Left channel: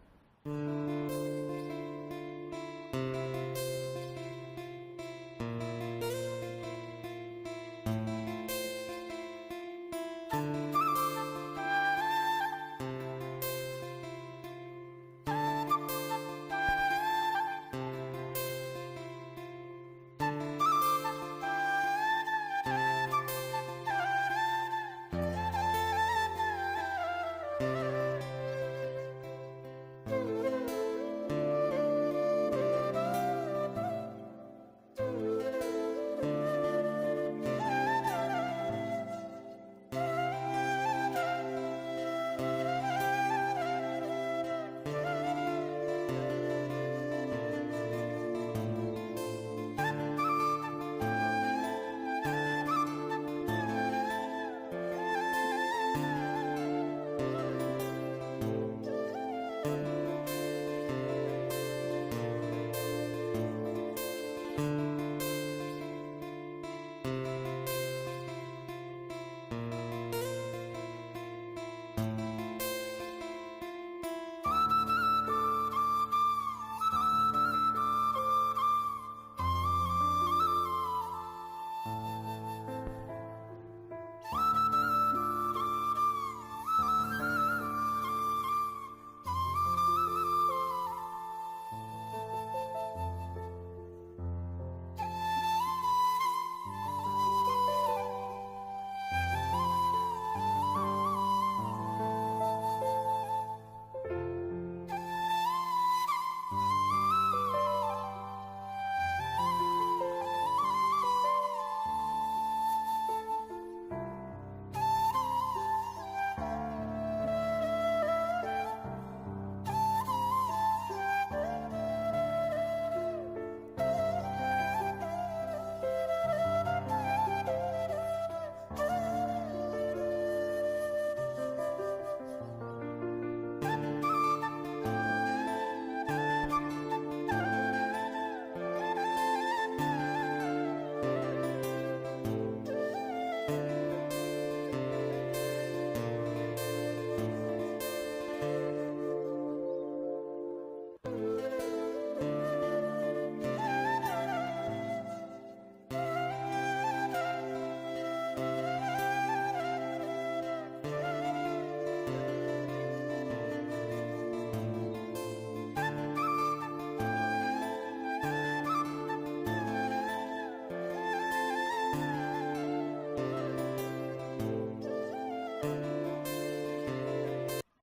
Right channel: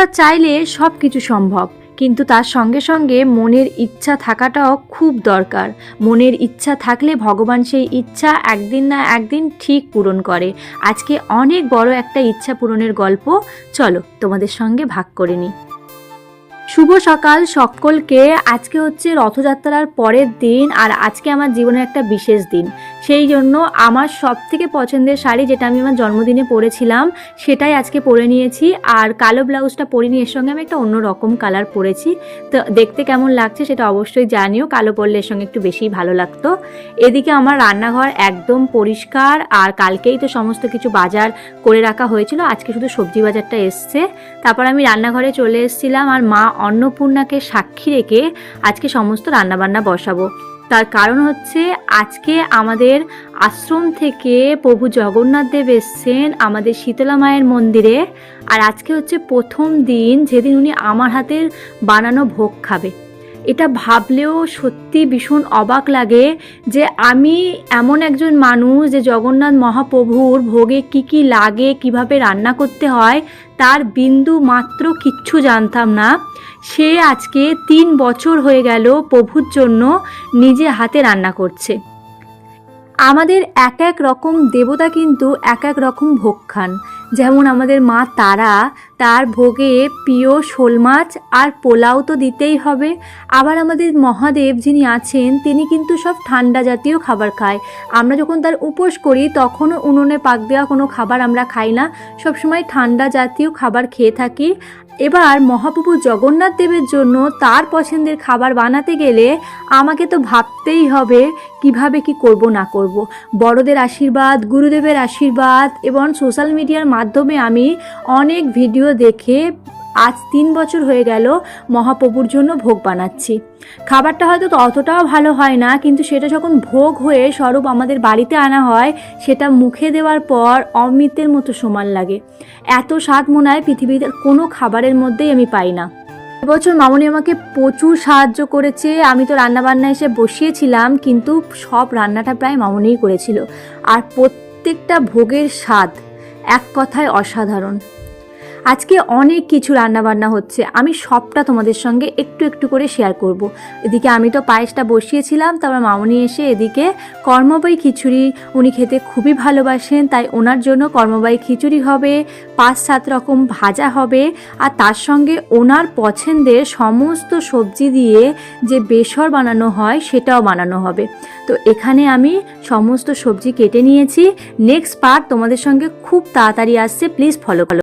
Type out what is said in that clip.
অর্থাৎ চাইলে সব কিছু সম্ভব, কিন্তু তার সঙ্গে সঙ্গে মনের ইচ্ছা থাকাটাও খুব দরকার। মনের ইচ্ছা থাকলে ভগবান সেই ইচ্ছা একদিন না একদিন ঠিক পূরণ করে। আজকে অনেক বড় একটা ইচ্ছা পূরণের গল্প চলো তোমাদের সঙ্গে ভাগ করে নিই। শুভ সকাল সকলকে। আজকে হচ্ছে রথযাত্রার পরের দিন, আর আজকে আমার জীবনের একটা বিশেষ দিন। সেই জন্য আমার সব থেকে পছন্দের শাড়ি, যেটা আমি আমার জন্মদিনে পরেছিলাম, সেটাই আজকে পরে নিয়েছি। আর কালো ব্লাউজটা পরিনি, এর সঙ্গে আমি একটা অন্য রকম কালার পরেছি। তো দেখতে কেমন লাগছে সেটা অবশ্যই জানিও। কালো পরলে এর সঙ্গে একটু বেশিই ভালো লাগতো। এদিকে আমার রান্নাঘর একদম পরিষ্কার, আর কালকেই তো সমস্ত কিছু বাজার করে রাখা হয়েছিল, আজকে শুধু সবজি বাজারটা এসছে। তারপর আমি রান্নাঘরে চলে এসেছিলাম, আর মা অন্নপূর্ণাকে সাক্ষী রেখে আজকে সমস্ত রান্নাবান্না বসাবো। তার কারণ হচ্ছে আজকে আমাদের আশ্রম থেকে প্রভু জগন্নাথ দেব এসছেন আমাদের শীতলা মায়ের মন্দিরে। আর আজকে হচ্ছে প্রথম দিন যেদিন উনি আমার হাতের বানানো ভোগ খাবে। এটা ভাবলেও সত্যি ভীষণ অবাক লাগে যে আমি এমন একজন মানুষ যে জগন্নাথ মহাপ্রভুর ভোগে কি কি লাগে, কিভাবে রান্না করতে হয়, তার বিন্দু মাত্র কিচ্ছু জানতাম না। সে আজকে 3 বছর হয়ে গেল প্রভুর জন্য নিজে হাতে রান্না করছে। আমাদের এক এক রকম দেবতা কিন্তু এক এক রকম ভোগ খান। যেমন আমাদের মা তারা, তার ভোগে প্রিয় শোল মাছ আর পোলাও তো দিতেই হবে। আবার আমাদের মহাদেব যিনি আছেন তিনি কিন্তু সব ঠান্ডা জাতীয় খাবার খায়। আমরা যখন তার উপোস করি তখনও উনুনে পাক দেওয়া কোনো খাবার আমরা খাই না, সবসময় ঠান্ডা জাতীয় খাবার খেয়ে থাকি। এবার মহাপ্রভু জগন্নাথ দেবের জন্য তার পছন্দের খাবার বানাতে গেলে আমাকে তো ভাবতেই হবে কিভাবে কি করব না করব। বড়দের আশীর্বাদ, গুরুদেবের আশীর্বাদ এবং সোশ্যাল মিডিয়ার মাধ্যমে আমি অনেক ভিডিও দেখে আজ 3 বছর হয়ে গেল মহাপ্রভুর জন্য ভোগ বানাচ্ছি। খাবারটা হয়তো অতটাও ভালো হয় না, কিন্তু সেটা যখন ভোগ হয়ে স্বরূপ আমাদের বাড়িতে আনা হয়, সেটা মুখে দেওয়ার পর অমৃতের মতো সমান লাগে। এত স্বাদ মনে হয় পৃথিবীতে কোনো খাবারের মধ্যেই আমি পাই না। এবছর মামনি আমাকে প্রচুর সাহায্য করেছে। আমি তো রান্নাবান্না এসে বসিয়েছিলাম, কিন্তু সব রান্নাটা প্রায় মামনিই করেছিল। আর প্রত্যেকটা ভোগের স্বাদ এক কথায় অসাধারণ। আজকে অনেক কিছু রান্নাবান্না হচ্ছে, আমি সবটা তোমাদের সঙ্গে একটু একটু করে শেয়ার করব। এদিকে আমি তো পায়েসটা বসিয়েছিলাম, তারপর মামনি এসে এদিকে কর্মবাই খিচুড়ি উনি খেতে খুবই ভালোবাসেন, তাই ওনার জন্য কর্মবাই খিচুড়ি হবে, 5-7 রকম ভাজা হবে, আর তার সঙ্গে ওনার পছন্দের সমস্ত সবজি দিয়ে যে বেসর বানানো হয় সেটাও বানানো হবে। তো এখানে আমি সমস্ত সবজি কেটে নিয়েছি। নেক্সট পার্ট তোমাদের সঙ্গে খুব তাড়াতাড়ি আসছে, প্লিজ ফলো করো।